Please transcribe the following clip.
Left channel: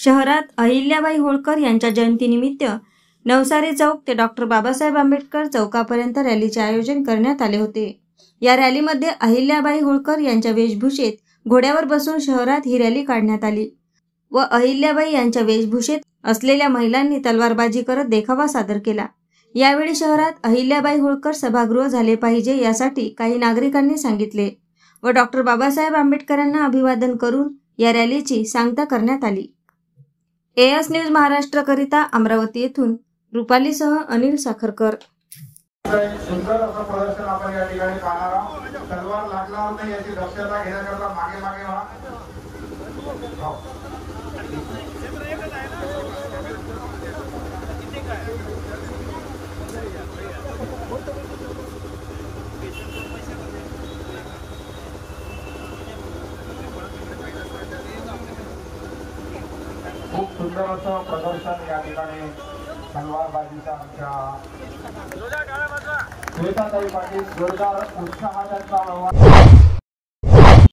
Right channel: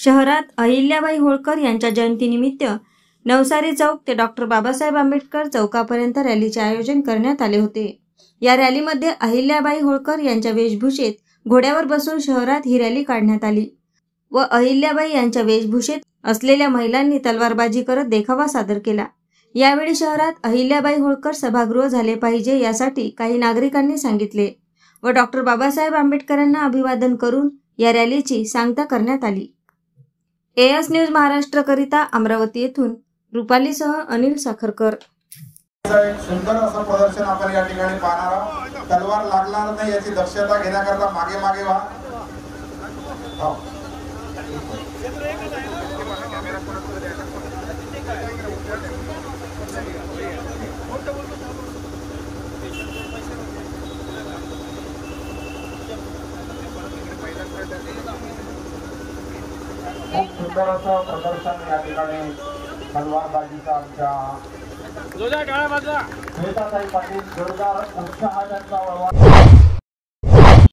शहरात अहिल्याबाई होळकर यांच्या जयंतीनिमित्त नवसारी चौक ते डॉक्टर बाबासाहेब आंबेडकर चौकापर्यंत रॅलीचे आयोजन करण्यात आले होते। या रॅलीमध्ये अहिल्याबाई होळकर यांच्या वेशभूषेत घोड्यावर बसून शहरात ही रॅली काढण्यात आली व अहिल्याबाई यांच्या वेशभूषेत असलेल्या महिलांनी तलवारबाजी करत देखावा सादर केला। यावेळी शहरात अहिल्याबाई होळकर सभागृह झाले पाहिजे यासाठी काही नागरिकांनी सांगितले व डॉक्टर बाबासाहेब आंबेडकरांना अभिवादन करून या रॅलीची सांगता करण्यात आली। एएस न्यूज महाराष्ट्र करिता अमरावती येथून रुपालीसह अनिल साखरकर। सुंदर असं प्रदर्शन आपण या ठिकाणी पाहणार आहोत। तलवार लागणार नाही याची दक्षता घेण्याकरता मागे मागे व्हा। खूप सुंदर असं प्रदर्शन या ठिकाणी तलवारबाजीचा आमच्या श्वेताताई पाटील जोरदार उत्साह त्यांचा